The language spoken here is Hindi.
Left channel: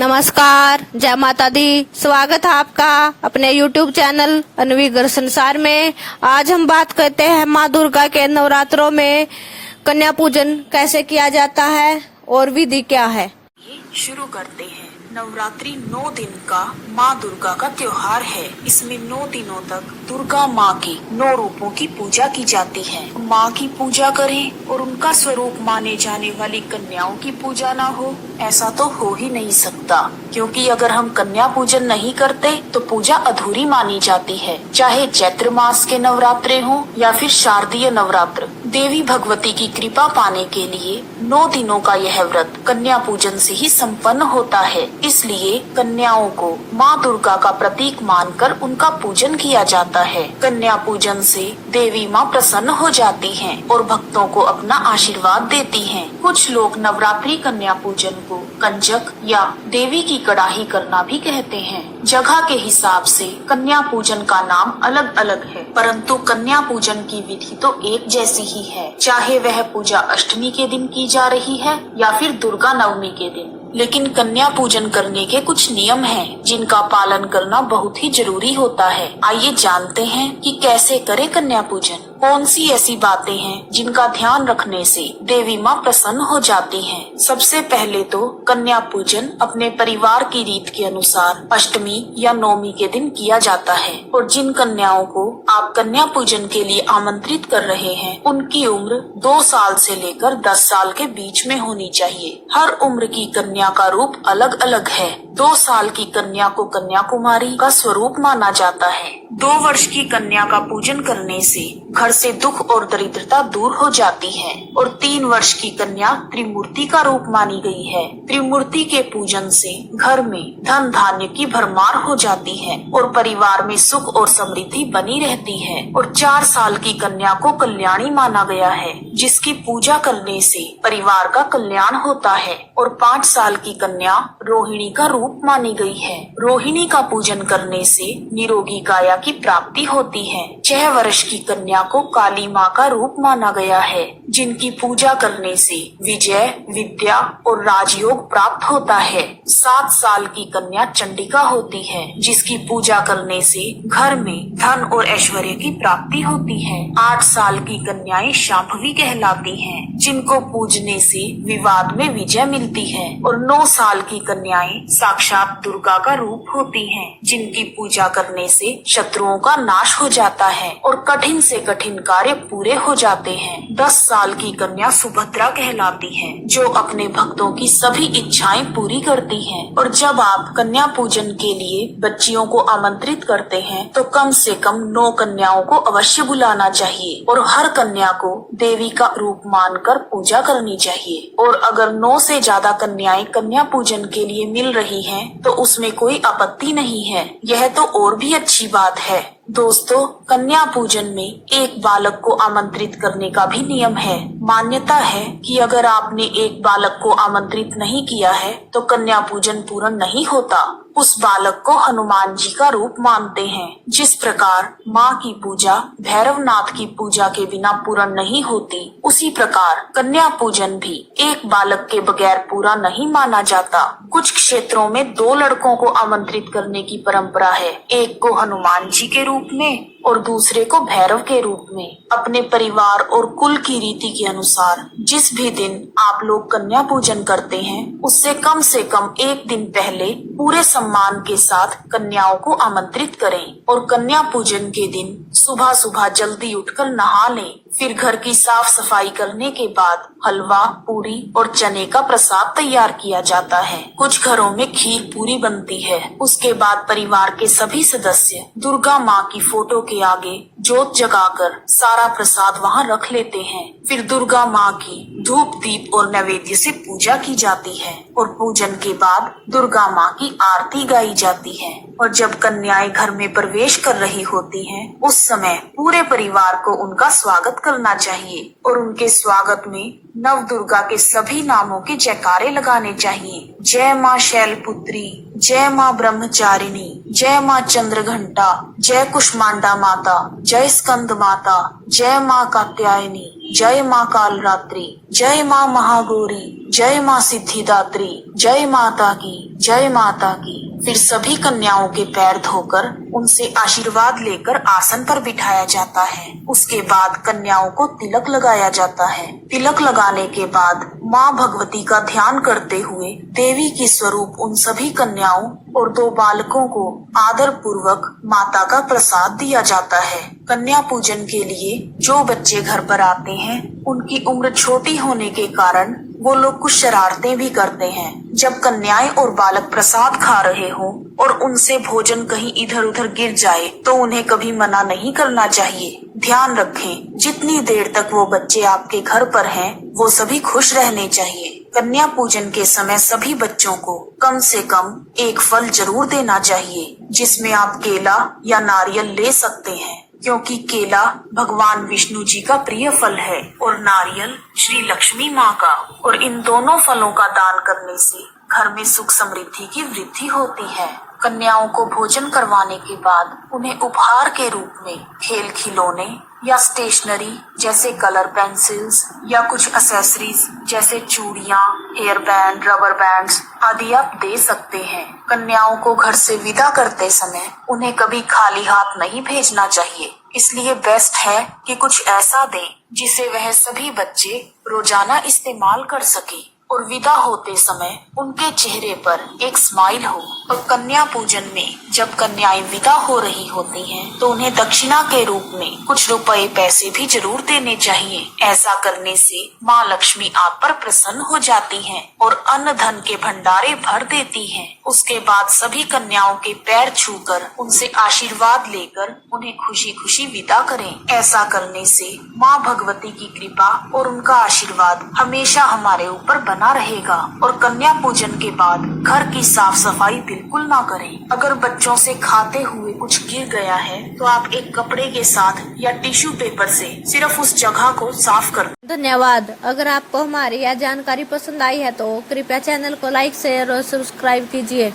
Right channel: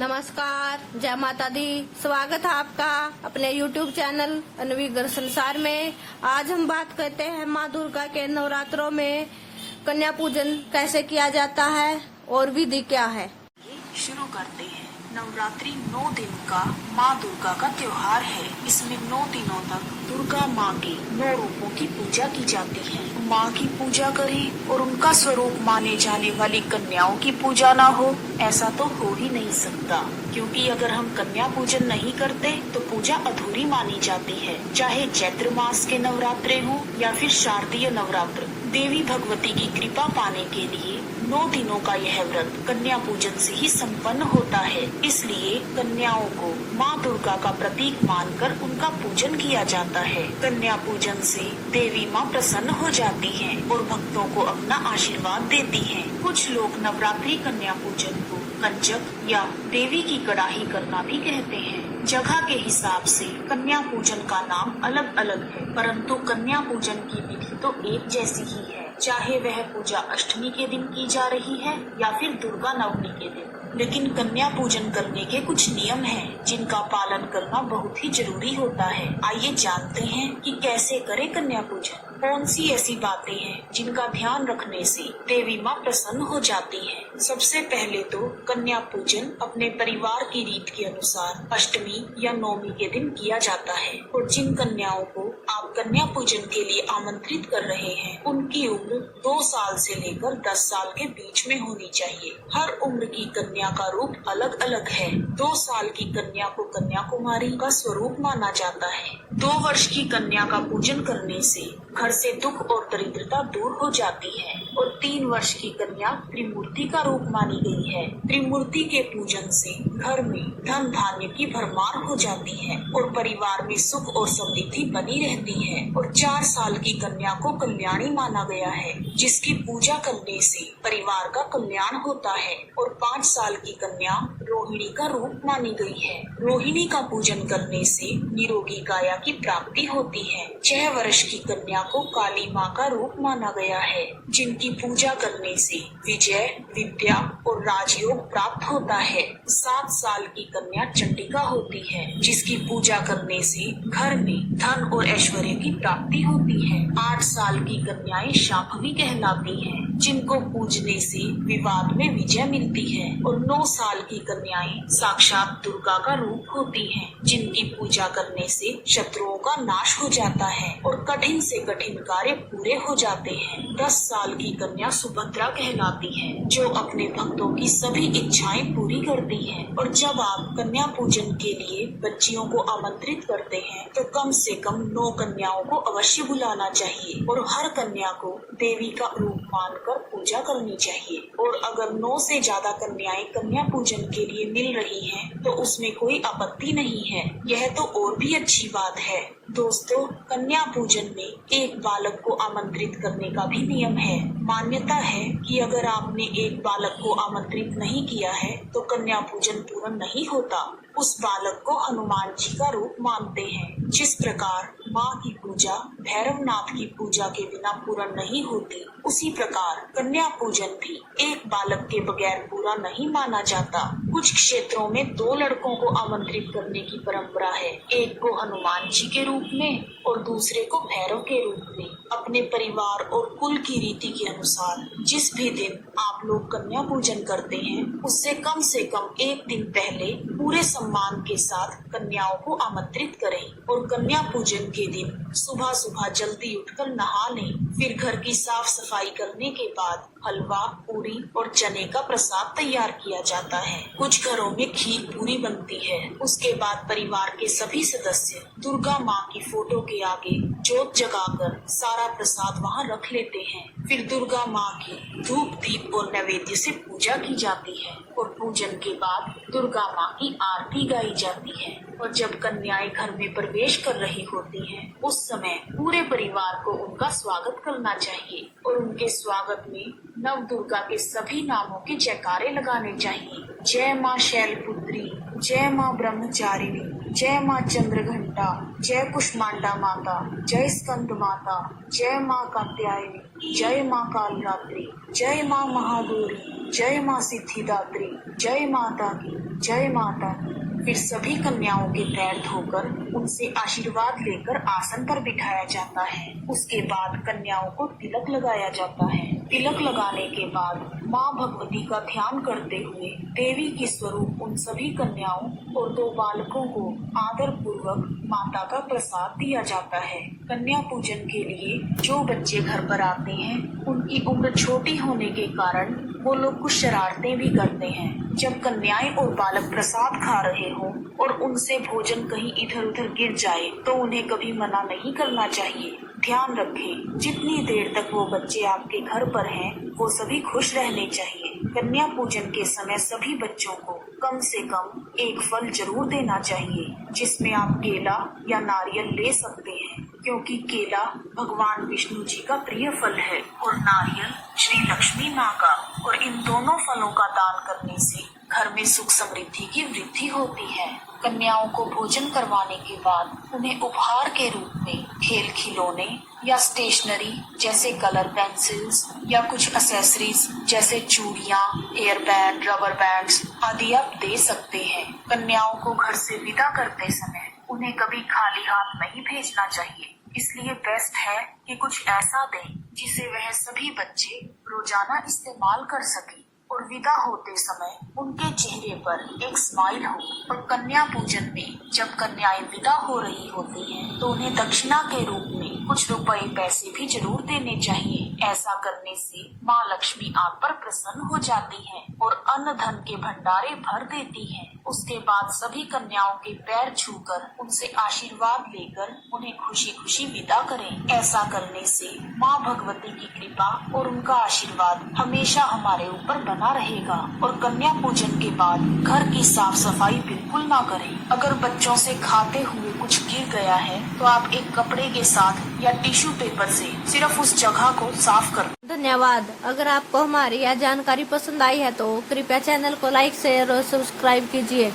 नमस्कार, जय माता दी। स्वागत है आपका अपने YouTube चैनल अनवी घर संसार में। आज हम बात करते हैं माँ दुर्गा के नवरात्रों में कन्या पूजन कैसे किया जाता है और विधि क्या है। शुरू करते हैं। नवरात्रि 9 दिन का माँ दुर्गा का त्योहार है। इसमें 9 दिनों तक दुर्गा माँ के 9 रूपों की पूजा की जाती है। माँ की पूजा करें और उनका स्वरूप माने जाने वाली कन्याओं की पूजा ना हो, ऐसा तो हो ही नहीं सकता। क्योंकि अगर हम कन्या पूजन नहीं करते तो पूजा अधूरी मानी जाती है। चाहे चैत्र मास के नवरात्रे हो या फिर शारदीय नवरात्र, देवी भगवती की कृपा पाने के लिए 9 दिनों का यह व्रत कन्या पूजन से ही संपन्न होता है। इसलिए कन्याओं को माँ दुर्गा का प्रतीक मानकर उनका पूजन किया जाता है। कन्या पूजन से देवी माँ प्रसन्न हो जाती हैं और भक्तों को अपना आशीर्वाद देती हैं। कुछ लोग नवरात्रि कन्या पूजन को कंजक या देवी की कड़ाही करना भी कहते हैं। जगह के हिसाब से कन्या पूजन का नाम अलग अलग है, परंतु कन्या पूजन की विधि तो एक जैसी ही है, चाहे वह पूजा अष्टमी के दिन की जा रही है या फिर दुर्गा नवमी के दिन। लेकिन कन्या पूजन करने के कुछ नियम हैं, जिनका पालन करना बहुत ही जरूरी होता है। आइए जानते हैं कि कैसे करें कन्या पूजन। कौन सी ऐसी बातें हैं जिनका ध्यान रखने से देवी माँ प्रसन्न हो जाती हैं। सबसे पहले तो कन्या पूजन अपने परिवार की रीत के अनुसार अष्टमी या नवमी के दिन किया जाता है। और जिन कन्याओं को आप कन्या पूजन के लिए आमंत्रित कर रहे हैं, उनकी उम्र 2 साल से लेकर 10 साल के बीच में होनी चाहिए। हर उम्र की कन्या का रूप अलग अलग है। 2 साल की कन्या को कन्याकुमारी का स्वरूप माना जाता है। 2 वर्ष की कन्या का पूजन करने से घर से दुख और दरिद्रता दूर हो जाती है। और 3 वर्ष की कन्या त्रिमूर्ति का रूप मानी गई है। त्रिमूर्ति के पूजन से घर में धन धान्य की भरमार हो जाती है और परिवार में सुख और समृद्धि बनी रहती है। और 4 साल की कन्या को कल्याणी माना गया है, जिसकी पूजा करने से परिवार का कल्याण होता है। और 5 साल की कन्या रोहिणी का रूप मानी गई है। रोहिणी का पूजन करने से निरोगी काया की प्राप्ति होती है। 6 वर्ष की कन्या को काली माँ का रूप माना गया है, जिनकी पूजा करने से विजय, विद्या और राजयोग प्राप्त होता है। 7 साल की कन्या चंडिका होती है, जिसकी पूजा करने से घर में धन और ऐश्वर्य की प्राप्ति होती है। 8 साल की कन्याएं शांभवी कहलाती हैं, जिनको पूजने से विवाद में विजय मिलती है। और 9 साल की कन्याएं साक्षात दुर्गा का रूप होती हैं, जिनकी पूजा करने से शत्रुओं का नाश हो जाता है और कठिन से कठिन कार्य पूरे हो जाते हैं। 10 साल की कन्या सुभद्रा कहलाती है, जो अपने भक्तों की सभी इच्छाएं पूरी करती है। और जब आप कन्या पूजन के लिए बच्चियों को आमंत्रित करते हैं, तो कम से कम 9 कन्याओं को अवश्य बुलाना चाहिए और हर कन्या को देवी का रूप मानकर पूजा करनी चाहिए। और अगर 9 से ज्यादा कन्याएं कन्या पूजन के लिए मिल रही हैं, तो उसमें कोई आपत्ति नहीं है। यह तो और भी अच्छी बात है। दोस्तों, कन्या पूजन में एक बालक को आमंत्रित करने का भी नियम है। मान्यता है कि अगर आपने एक बालक को आमंत्रित नहीं किया है, तो कन्या पूजन पूर्ण नहीं होता। उस बालक को हनुमान जी का रूप मानते हैं। जिस प्रकार माँ की पूजा भैरवनाथ की पूजा के बिना पूर्ण नहीं होती, उसी प्रकार कन्या पूजन भी एक बालक के बगैर पूरा नहीं माना जाता। कुछ क्षेत्रों में 2 लड़कों को आमंत्रित करने की परंपरा है, एक को हनुमान जी के रूप में और दूसरे को भैरव के रूप में। अपने परिवार और कुल की रीति के अनुसार जिस भी दिन आप लोग कन्या पूजन करते हैं, उससे कम से कम 1 दिन पहले पूरे सम्मान के साथ कन्याओं को आमंत्रित करें। और कन्या पूजन के दिन सुबह सुबह जल्दी उठकर नहा लें। फिर घर की साफ सफाई करने के बाद हलवा, पूरी और चने का प्रसाद तैयार किया जाता है। कुछ घरों में खीर पूरी बनती है। उसके बाद परिवार के सभी सदस्य दुर्गा माँ की फोटो के आगे जोत जगाकर सारा प्रसाद वहाँ रख लेते हैं। फिर दुर्गा माँ की धूप, दीप और नैवेद्य से पूजा की जाती है और पूजन के बाद दुर्गा माँ की आरती गाई जाती है। और जब कन्याएं घर में प्रवेश कर रही होती हैं, उस समय पूरे परिवार को उनका स्वागत करना चाहिए और उनके स्वागत में नव दुर्गा के सभी नामों के जयकारे लगाने चाहिए। जय माँ शैलपुत्री, जय माँ ब्रह्मचारिणी, जय माँ चंद्रघंटा, जय कुष्मांडा माता, जय स्कंद माता, जय माँ कात्यायनी, जय माँ कालरात्रि, जय माँ महागौरी, जय माँ सिद्धिदात्री, जय माता की, जय माता की। फिर सभी कन्याओं के पैर धोकर उनसे आशीर्वाद लेकर आसन पर बिठाया जाता है। उसके बाद कन्याओं को तिलक लगाया जाता है। तिलक लगाने के बाद माँ भगवती का ध्यान करते हुए देवी की स्वरूप उन सभी कन्याओं और 2 बालकों को आदर पूर्वक माता का प्रसाद दिया जाता है। कन्या पूजन के लिए जो बच्चे घर पर आते हैं, उनकी उम्र छोटी होने के कारण वो लोग कुछ शरारतें भी करते हैं। जब कन्याएं और बालक प्रसाद खा रहे हों और उनसे भोजन कहीं इधर उधर गिर जाए तो उन्हें कभी मना नहीं करना चाहिए। ध्यान रखें, जितनी देर तक वो बच्चे आपके घर पर हैं, वो सभी खुश रहने चाहिए। कन्या पूजन के समय सभी बच्चों को कम से कम एक फल जरूर देना चाहिए, जिसमें आप केला या नारियल ले सकते हैं, क्योंकि केला भगवान विष्णु जी का प्रिय फल है और नारियल श्री लक्ष्मी माँ का। और इन दोनों फलों का दान करने से घर में सुख समृद्धि की वृद्धि होती है। कन्याओं को भोजन करवाने के बाद उन्हें उपहार के रूप में खेल खिलौने या स्टेशनरी जैसे कलर पेंसिल्स या कुछ एक्सेसरीज जैसे चूड़ियाँ, हेयर बैंड, रबर बैंड्स आदि आप दे सकते हैं। कन्याओं को घर से विदा करते समय उन्हें कभी खाली हाथ नहीं भेजना चाहिए, इसलिए बेस्ट है कि कुछ ऐसा दें जिसे वह सभी बच्चे रोजाना इस्तेमाल कर सके और विदा होते समय उनके चेहरे पर एक स्माइल हो। और कन्या पूजन में जब कन्याएं विदा हो रही होती हैं, तो उन्हें दक्षिणा के रूप में कुछ रुपए पैसे भी जरूर देने चाहिए। ऐसा करने से माँ लक्ष्मी आप पर प्रसन्न हो जाती हैं और अन्न धन के भंडारे भर देती हैं। उसके बाद सभी कन्याओं के पैर छूकर उनसे आशीर्वाद लेकर उन्हें खुशी खुशी विदा करें। ऐसा करने से माँ भगवती की कृपा और उनका आशीर्वाद हमेशा हमारे ऊपर बना रहेगा। और कन्या पूजन के बाद घर की साफ सफाई बिल्कुल ना करें। अगर बच्चों से खाते हुए कुछ गिर गया है तो आप एक कपड़े के साथ या टिश्यू पेपर से सिर्फ उस जगह को साफ कर। धन्यवाद। अगर आपको हमारी यह जानकारी पसंद आई है तो कृपया चैनल को लाइक, शेयर और सब्सक्राइब कीजिए।